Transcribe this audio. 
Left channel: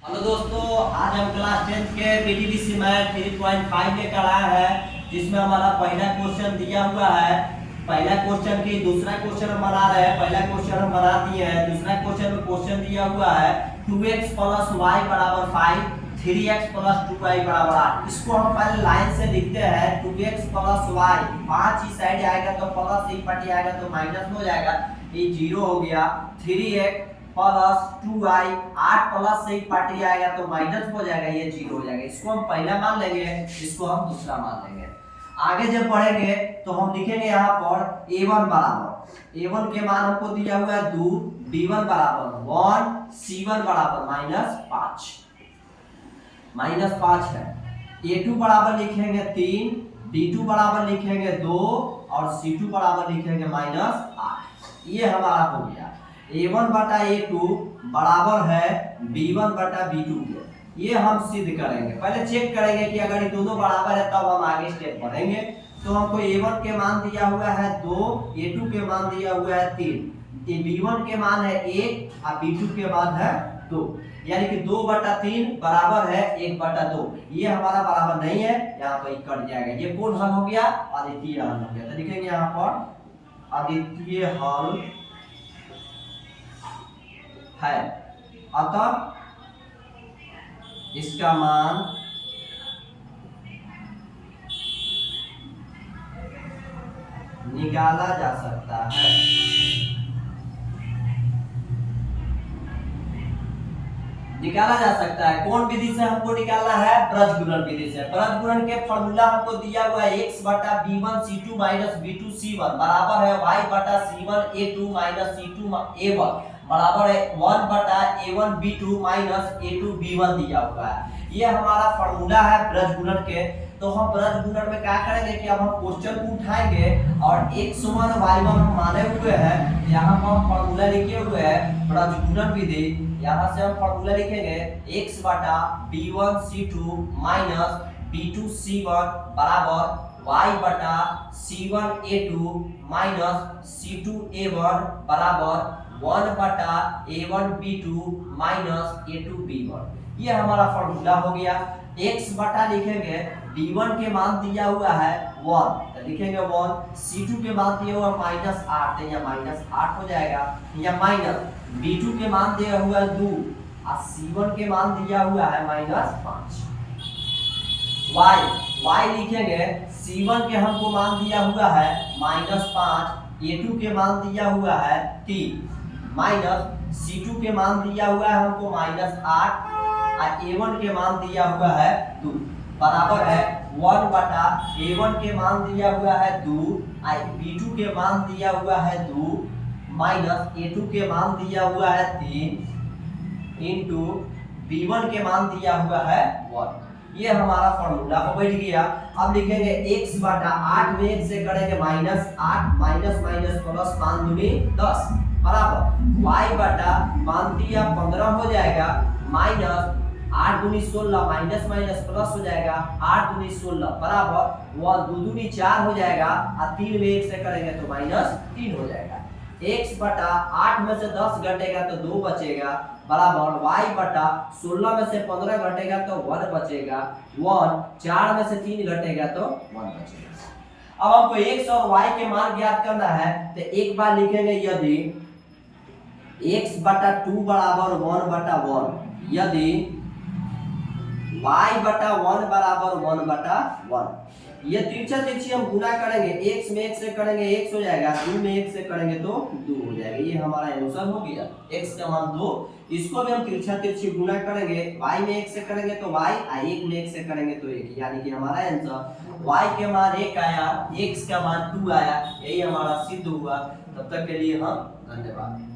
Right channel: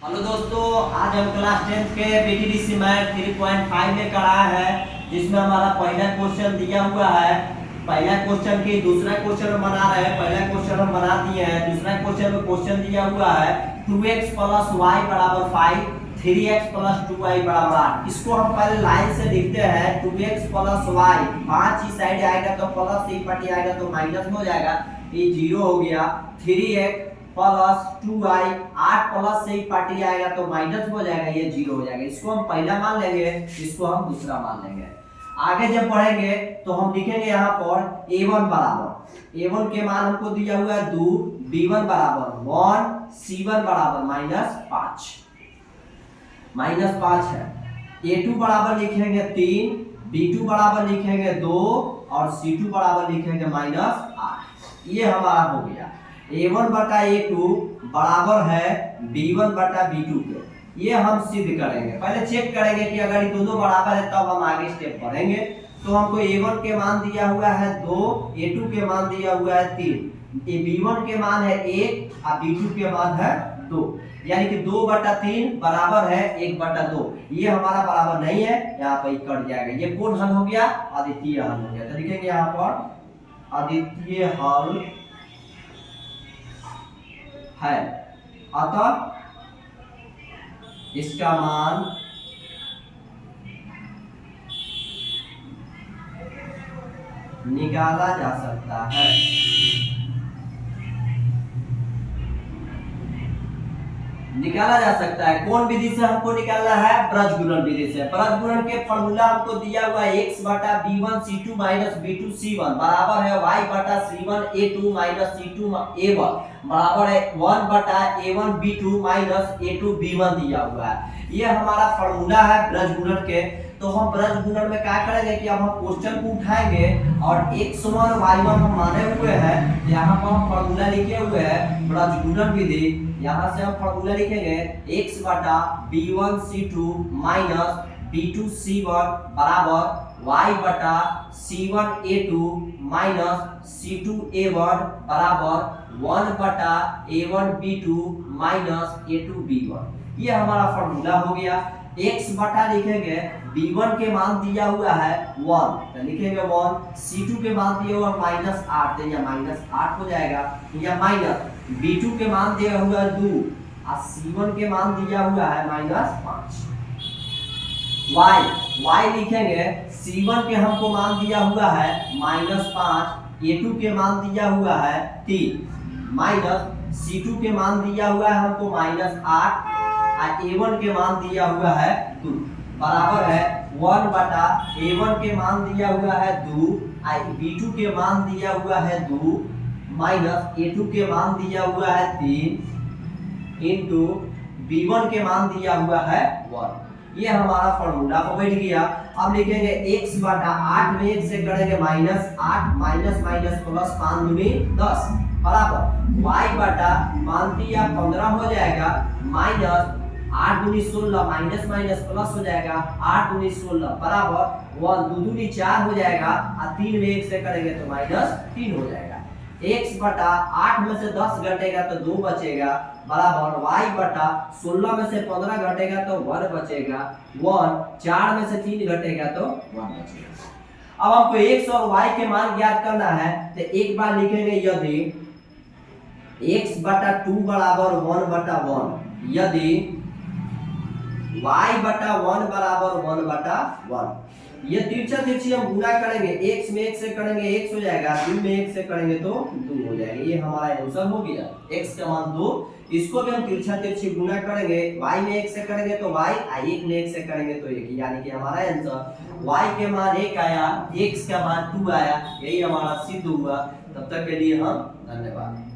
Hello दोस्तों, आज हम क्लास 10 के पीटीडीसी मैथ 3.5 लेकर आए हैं, जिसमें हमारा पहला क्वेश्चन दिया हुआ है। पहला क्वेश्चन की दूसरा क्वेश्चन हम बना रहे हैं। पहला क्वेश्चन हम बना दिए हैं। दूसरा क्वेश्चन में क्वेश्चन दिया हुआ है 2x + y = 5, 3x + 2y = 8। इसको हम पहले लाइन से लिखते हैं। 2x + y, 5 इस साइड आएगा तो प्लस, एक पार्टी आएगा तो माइनस हो जाएगा, ये 0 हो गया। 3x + 2y, 8 प्लस से एक पार्टी आएगा तो माइनस हो जाएगा, ये 0 हो जाएगा। इसको हम पहला मान लेंगे, इसको हम दूसरा मान लेंगे। आगे जब बढ़ेंगे तो हम लिखेंगे यहाँ पर a1 बराबर, a1 के मान हमको दिया हुआ है 2, b1 बराबर 1, c1 बराबर -5 है। a2 बराबर लिखेंगे 3, b2 बराबर लिखेंगे 2 और c2 बराबर लिखेंगे -8। ये हमारा हो गया। a1 बटा a2 बराबर है b1 बटा b2 के। ये हम सिद्ध करेंगे। पहले चेक करेंगे कि अगर ये दोनों बराबर है तब हम आगे स्टेप बढ़ेंगे। तो हमको a1 के मान दिया हुआ है 2, a2 के मान दिया हुआ है 3, b1 के मान है 1 और b2 के मान है 2, यानी कि 2/3 बराबर है 1/2। ये हमारा बराबर नहीं है, यहाँ पर कट जाएगा। ये कौन हल हो गया? अद्वितीय हल हो गया। तो लिखेंगे यहाँ पर अद्वितीय हल है, अतः इसका मान निकाला जा सकता है। निकाला जा सकता है। कौन विधि से हमको निकालना है? ब्रजगुणन विधि से। ब्रजगुणन के फॉर्मूला हमको दिया हुआ है x बटा b1 c2 minus b2 c1 बराबर है y बटा c1 a2 minus c2 a1 बराबर है 1 बटा a1 b2 minus a2 b1 दिया हुआ है। ये हमारा फॉर्मूला है ब्रजगुणन के। तो हम ब्रजगुणन में क्या करेंगे कि अब हम क्वेश्चन को उठाएंगे और x1 y1 हम माने हुए हैं। यहाँ पर हम फॉर्मूला लिखे हुए हैं ब्रजगुणन विधि। यहाँ से हम फॉर्मूला लिखेंगे x बटा b1 c2 minus b2 c1 बराबर y बटा c1 a2 minus c2 a1 बराबर 1 बटा a1 b2 minus a2 b1। ये हमारा फॉर्मूला हो गया। x बटा लिखेंगे b1 के मान दिया हुआ है 1, तो लिखेंगे 1, c2 के मान दिया हुआ -8, तो यह -8 हो जाएगा। या माइनस b2 के मान दिया हुआ है 2 और c1 के मान दिया हुआ है -5। y लिखेंगे c1 के हमको मान दिया हुआ है -5, a2 के मान दिया हुआ है 3, माइनस c2 के मान दिया हुआ है हमको -8 और a1 के मान दिया हुआ है 2 बराबर है 1 बटा a1 के मान दिया हुआ है 2 और b2 के मान दिया हुआ है 2 माइनस a2 के मान दिया हुआ है 3 इंटू b1 के मान दिया हुआ है 1। ये हमारा फॉर्मूला हो बैठ गया। अब लिखेंगे x बटा 8 में 1 से करेंगे -8 माइनस माइनस प्लस 5 दूनी 10 बराबर y बटा मान दिया 15 हो जाएगा माइनस 8 दूनी 16 माइनस माइनस प्लस हो जाएगा 8 दूनी 16 बराबर 1 2 दूनी 4 हो जाएगा और 3 में 1 से करेंगे तो -3 हो जाएगा। x बटा 8 में से 10 घटेगा तो 2 बचेगा बराबर y बटा 16 में से 15 घटेगा तो 1 बचेगा 1, 4 में से 3 घटेगा तो 1 बचेगा। अब हमको x और y के मान ज्ञात करना है। तो एक बार लिखेंगे यदि x बटा 2 बराबर 1/1, यदि y बटा 1 बराबर 1/1, ये तिरछा तिरछी हम गुना करेंगे। x में 1 से करेंगे x हो जाएगा, 2 में 1 से करेंगे तो 2 हो जाएगा। ये हमारा आंसर हो गया, x का मान 2। इसको भी हम तिरछा तिरछी गुना करेंगे। y में 1 से करेंगे तो y और 1 में 1 से करेंगे तो 1, यानी कि हमारा आंसर y के मान 1 आया, x का मान 2 आया। यही हमारा सिद्ध हुआ। तब तक के लिए हम धन्यवाद।